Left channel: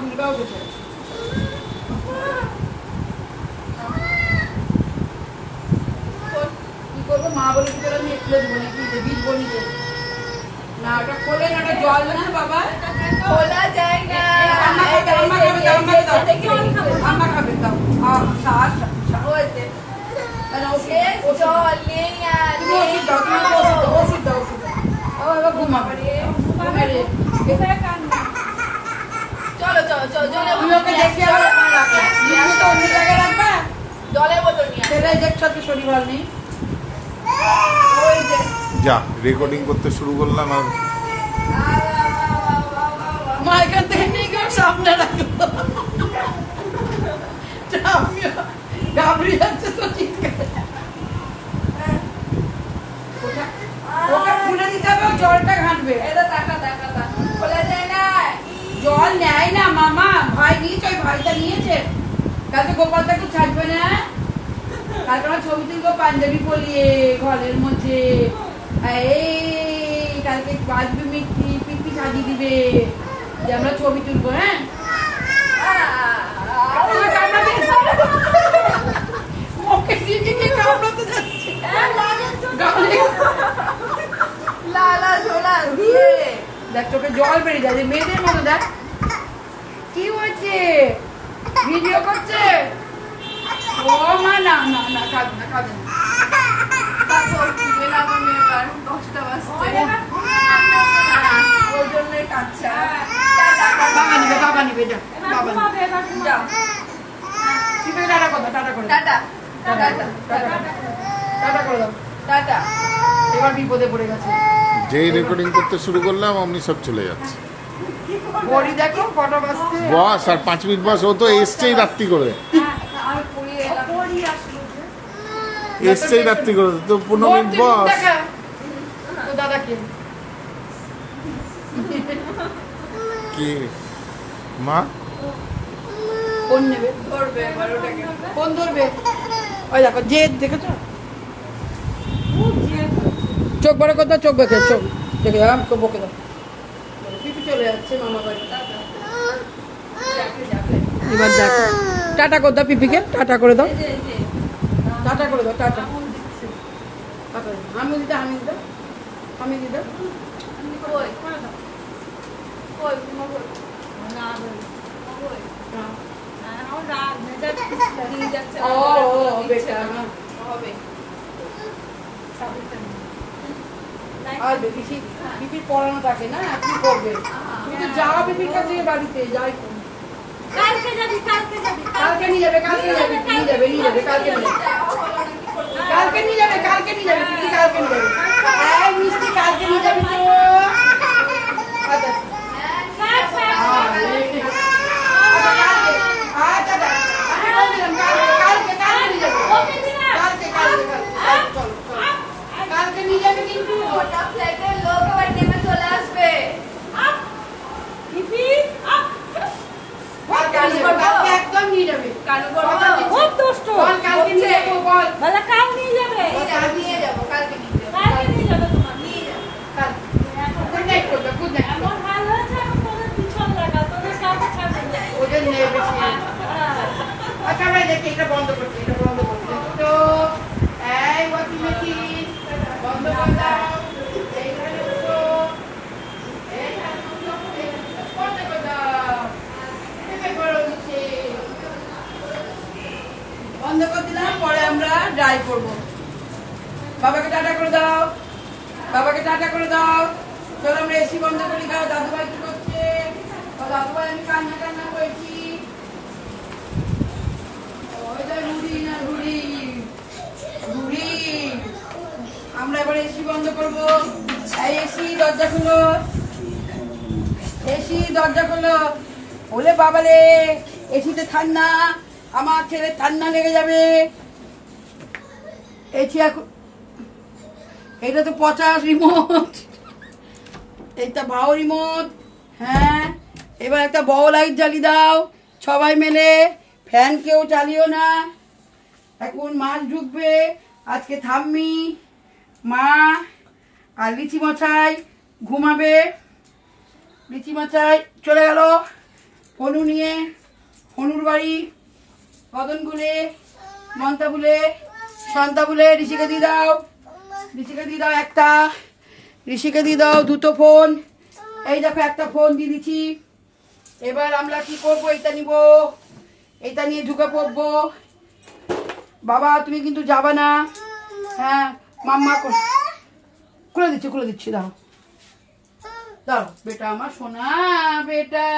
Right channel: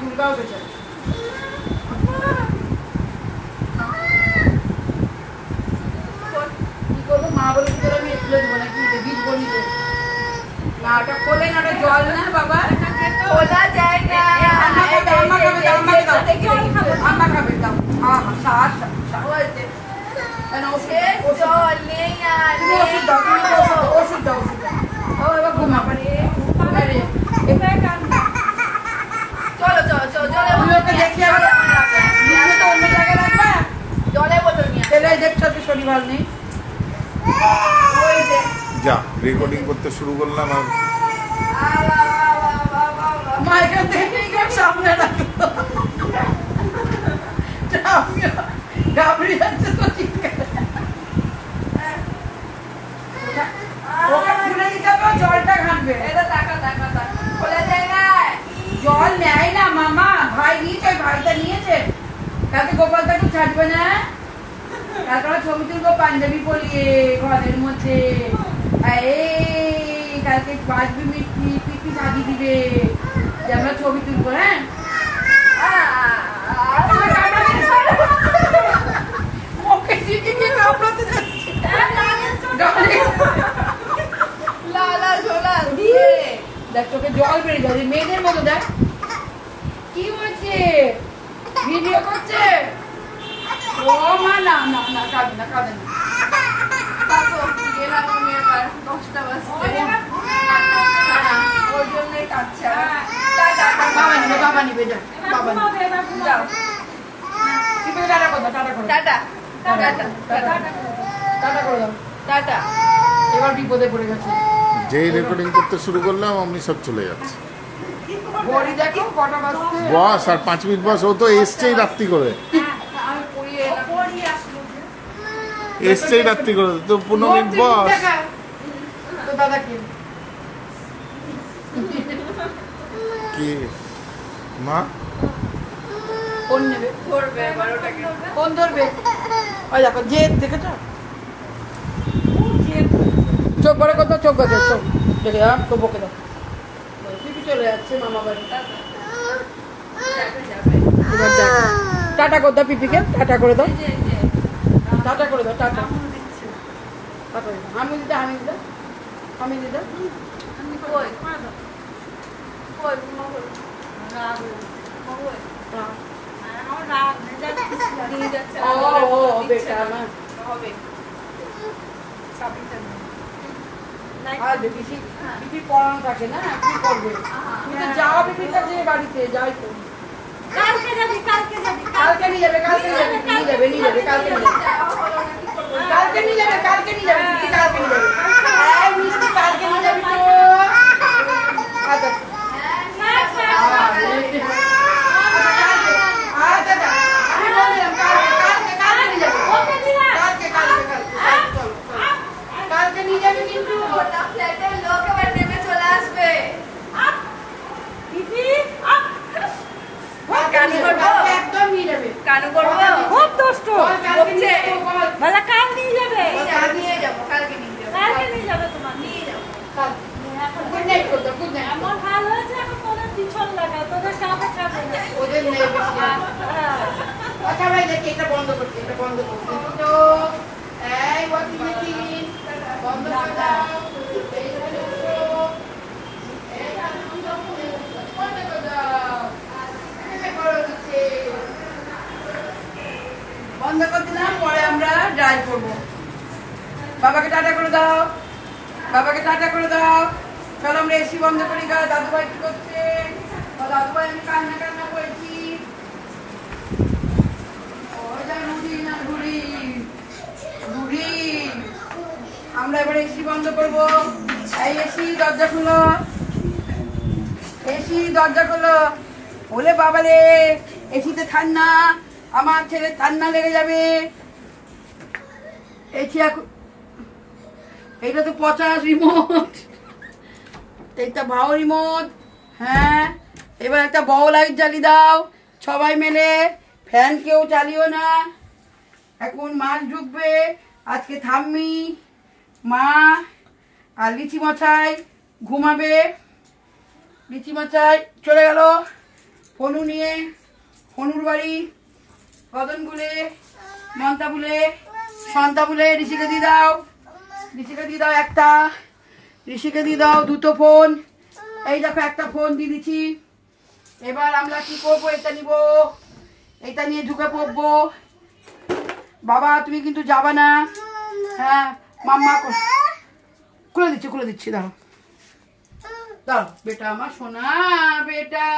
দুর্গাও গেছে কি করবো মা বলে কি করে আমি খুলে দেবো নাকি বীজ বনিতে না ওটা খোলে না ওটা জল না বাবা খোলা যায় না আম্মা খাবে দাও সাত জল নেই আর ওষুধ দাও ও এবার ঘুমা চলো চলো চলো অন্য জায়গায় রাখবা জলের বোতল নিয়ে সেটাই দেখছো তো শরীর ভালো নেই যা রেকর্ডিং করতে শুরু করলাম আর মা এখান থেকে সামনে রাখলো গাবড়ি যাচ্ছে তো চিৎকার ওকে খুলে দিতে হবে জলটা ঘাটবে এটা টাকা টাকা টাকা খোলা যায় না জল নেয় না মামা ভাই নিয়েছে ভাইটা নিয়েছে কালকে গোপালদাকে ছাড়বে না তারপরে ছবি তুলবো পাঞ্জাবি পরিয়ে ঘরের মধ্যে এই কালকে বাজবি মিষ্টি পিঠি সাজিয়ে দিবে যে আমরা ছবি তুলবো হ্যাঁ ওকে দিদি কি কামড়াতে যাচ্ছে লালা ঝোলা দিয়ে দেখ তোকে জল বেড়ে যাবে মেয়েদের মতো দেখ কি হয়েছে ভিডিও করছে ও মা না না না খাবে না খাবে না তারপর গেলাম আমি এবার 10টা বাজতে ওই জন্যই কাচ্ছা বাবা নিবে যা বাবা যাও নিবে টাটা করো টাটা করো টাটা টাটা টাটা করে দাও টাটা এবার বিপদে পড়ে গেছে যেই রেকর্ডিং করতে শুরু করলাম অমনি সব চলে যাচ্ছে বড়ি দেখো কটা বাজছে বস আর 5 মিনিট বস ও তো এসছেই রাত্রি করে এসছেই রাত্রি করে তো 15 মিনিট বস দাদাকে কি মা ফোন নেবে করবে 12টাকে ফোন ধরবে ওই দেখো যে দেখেছো চোখ বড় কথা চোখ দেখে চোখ দেখে তো বকে দাও পিপি চলে যাচ্ছে মামা বাড়ি এবার দেখো টাটা করে দাও পিপিকে টাটা করে দাও টাটা করে দাও টাটা আমি দিতে আমি দিতে কই কই ও বেকার না হবে আর পিপি পড়ানো থাকে না কি করবে তুমি তো যাও পিপির কাছে বাড়িতে যাই কালকে নিয়ে যাবে কালকে নিয়ে যাবে কালকে নিয়ে যাবে পিপি কালকে নিয়ে যাবে এই মিষ্টি কালকে নিয়ে যাবি তো আচ্ছা আচ্ছা আমি বললাম কালকে নিয়ে যাবে কালকে চলো কালকে নিয়ে যাবে কিন্তু ওটা ফ্ল্যাটের লোক এবার নেমে চলে আসবে পিপি একদম নিয়ে যাবে কানু করবো খুব দুষ্ট কালকে নিয়ে যাবো বল বলে কাল নিয়ে যাবে নিয়ে যাবো কালকে নিয়ে যাবো কালকে নিয়ে যাবে তোমার নিয়ে যাবো গুড নাইট করবে গুড নাইট এমন হাল হয়েছে এখন তোদের পিছন লাগা তোদের কাউকে ছাড়বে না ওদের নেই বেশি আচ্ছা ভাই দেখি এটা বন্ধ করতে তো এই ওয়াকিং মেশিন বন্ধ করে দাও এইখানে এসো এইখানে বন্ধ করে দাও বন্ধ করে দিলাম পরে আমরা ড্রাইভ করবো বাবাকে টাটা করে দাও চলো আমরা এসি বন্ধ করি দাও দাদুভাই কি করছে দাদুভাই আমি কান্না করেছি আমরা এবার এসি বন্ধ করবো এই এসি দরজা খুলো বলে বাবালে এসিতে ঠান্ডা আমার ছেলে ঠান্ডা লেগে যাবে এসি এটা তো 50 রিমোট এটা ভাও রিমোট হ্যাঁ এবার একটা বড় লাইট জ্বালিয়ে দাও সবাই মিলে ফ্যান কেউ চালিও না এখন মাছ ঢুকবে আজকে থাম্মি মা আর লিচি মশাই ঘুমাবে লিচি মশাই চলে গেল হনু নিয়ে হনুর বাড়ি কদন বলে মন্তা বলে সন্তা বলে ঋষিকে দিয়ে দাও, ঋষিকে দিয়ে দাও একটা, ঋষিকে দিয়ে দাও দুটো ফোন। এই দেখো একটা ফোন দিয়ে দিচ্ছি। এবার আমরা কি করবো, এটা নিব, এটা নিয়ে ঢুকে পড়বো। বাবা তুমি কিন্তু যাবা না। হ্যাঁ মাম্মা খুলে দিচ্ছি দাও দাও বেটা আমার সোনা বেটা।